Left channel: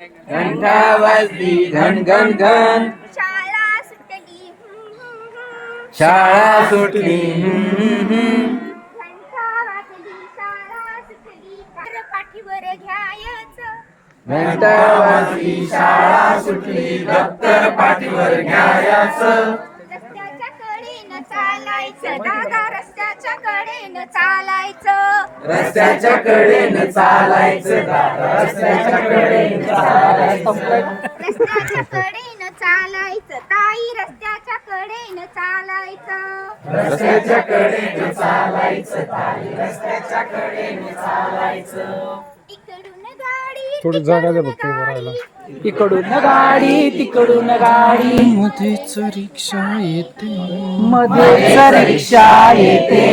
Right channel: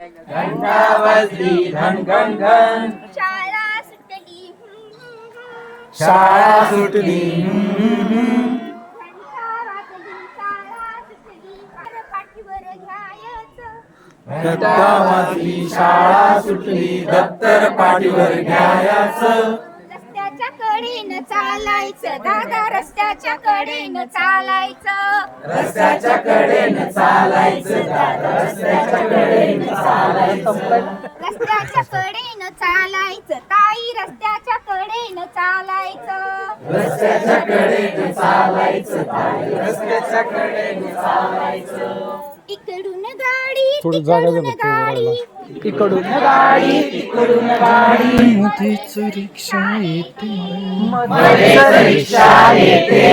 घंटा वाजली घन घन घन. शाळा सुटली. शाळा सुटली. शाळा सुटली कर पाठीवर घ्यायचं घंटा वाजली शाळा सुटली. दप्तर पाठीवर घ्यायचं. रस्त्याच्या कडेनं चालायचं. दादा रस्त्याच्या कडेनं चालायचं. रस्त्याच्या कडेनं चालायचं. दादा रस्त्याच्या कडेनं चालायचं. रस्त्याच्या कडेनं चालायचं. ताई रस्त्याच्या कडेनं चालायचं. रस्त्याच्या कडेनं चालायचं. ताई रस्त्याच्या कडेनं चालायचं. इकडून गाडी थोडी जागा द्या तिकडून फक्त उभं राहायला. गाडी. तिकडून गाडी तिकडून गाडी. मध्येच रिक्षा येते. मध्येच रिक्षा येते.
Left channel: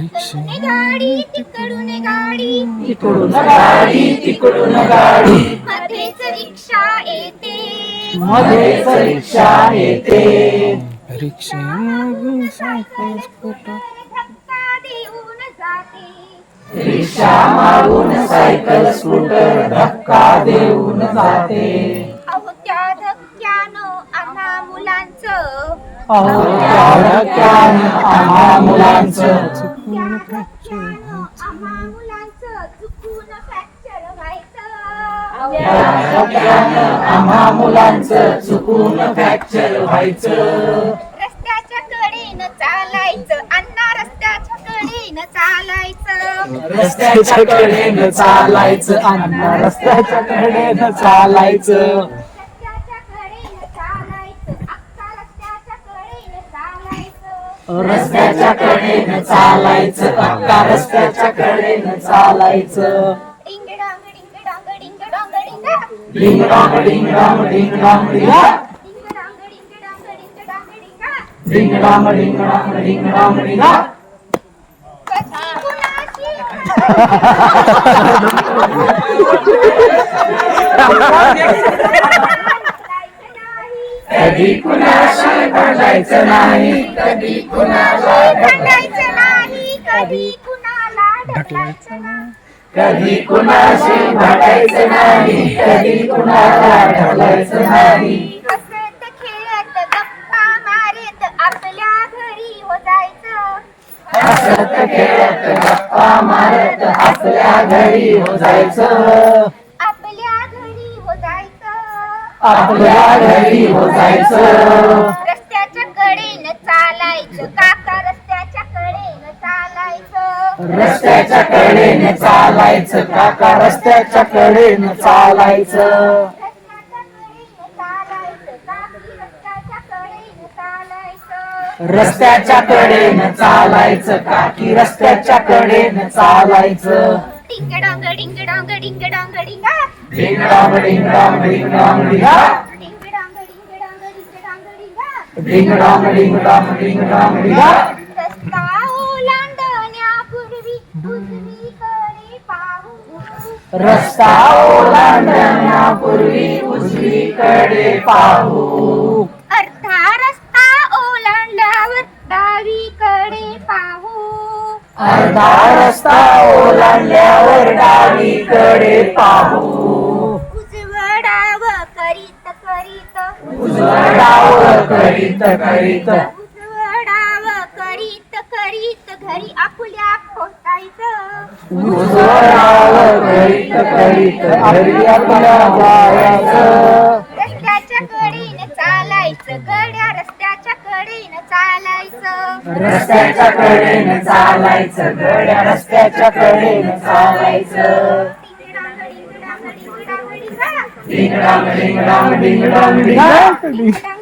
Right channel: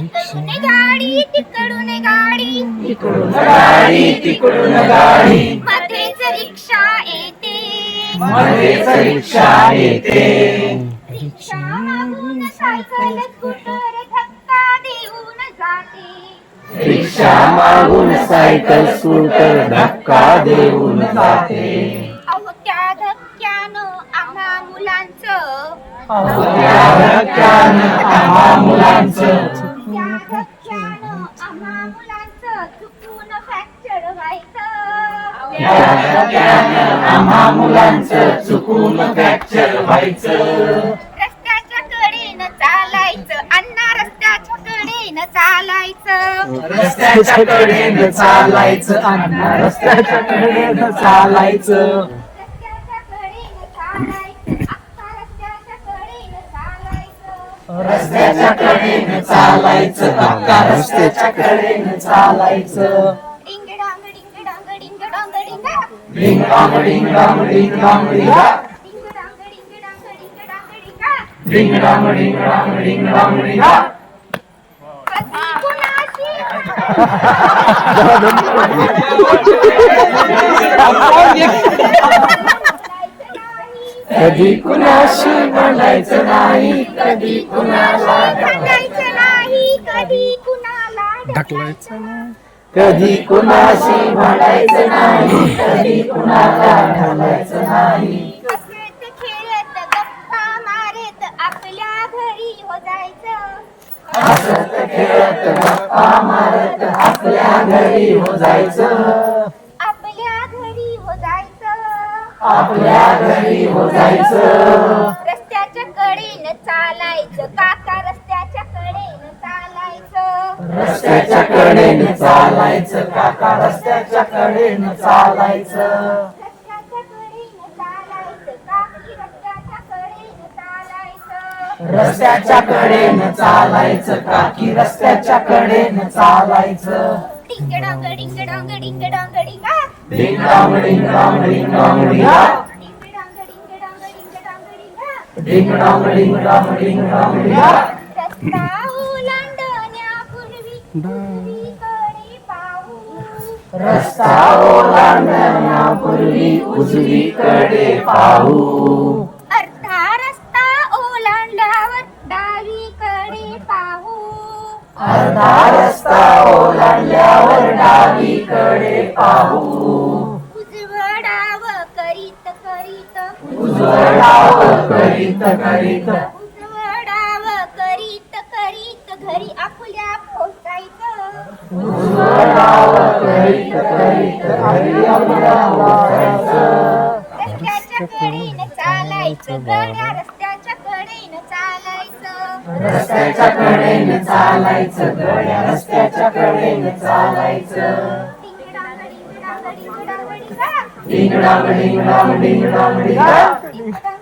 रिक्षा इकडून गाडी तिकडून गाडी. तिकडून गाडी तिकडून गाडी. मध्येच रिक्षा येते. मध्येच रिक्षा येते. रिक्षा रिक्षा मागून सायकल स्कूटर धक्का देऊन जाते. अहो त्या धक्क्यानं आम्हा मुलांचं. आम्हा मुलांचं. त्या धक्क्यानं आम्हा मुलांचं चुकून फ्रॅक्चर व्हायचं. आम्हा मुलांचं चुकून फ्रॅक्चर व्हायचं. कडेनं चालायचं. रस्त्याच्या कडेनं चालायचं. अण्णा रस्त्याच्या कडेनं चालायचं. रस्त्याच्या कडेनं चालायचं. अक्का रस्त्याच्या कडेनं चालायचं. रस्त्याच्या कडेनं चालायचं. अक्का रस्त्याच्या कडेनं चालायचं. डिंग डांग डिंग डांग डिंग डांग डिंगा डिंग डांग डिंग डांग डिंग डांग डिंगा. डिंग डांग डिंग डांग डिंग डांग डिंगा डिंग डांग डिंग डांग डिंग डांग डिंगा. कधी कुणाची बोलायचं नाही कधी कुणाशी बोलायचं नाही कधी कुणाला भांडायचं नाही कधी कुणाला ढकलायचं नाही. कधी कुणाशी भांडायचं नाही कधी कुणाला ढकलायचं नाही. हसत खेळत गप्पा मारत आपल्या घरी हो जायचं आपल्या घरी हो जायचं आपल्या घरी हो जायचं रस्त्याच्या कडेनं चालायचं. काका रस्त्याच्या कडेनं चालायचं. रस्त्याच्या कडेने चालायचं. काका रस्त्याच्या कडेने चालायचं. रस्त्याच्या कडेनं चालायचं काकी रस्त्याच्या कडेनं चालायचं? डिंग डोंग डिंग डोंग डिंग डोंग डिंगा डांग डिंग डांग डिंगा. डिंग डोंग डिंग डोंग डिंग. रस्ता ओलांडण्यापूर्वी पाहू. रस्ता ओलांडण्यापूर्वी उजवीकडे पाहू. करीत करीत. उजवडाव करीत करीत घरी आपल्या पोचायचं उजवडाव करीत करीत घरी आपल्या पोचायचं. रस्त्याच्या कडेनं चालायचं गड्या रस्त्याच्या कडेनं चालायचं. रस्त्याच्या कडेने चालायचं गड्या रस्त्याच्या कडेने चालायचं. डिंगडांग डिंगडांग डिंगडांग डिंगा. डिंगडांग डिंगडांग. डिंगडांग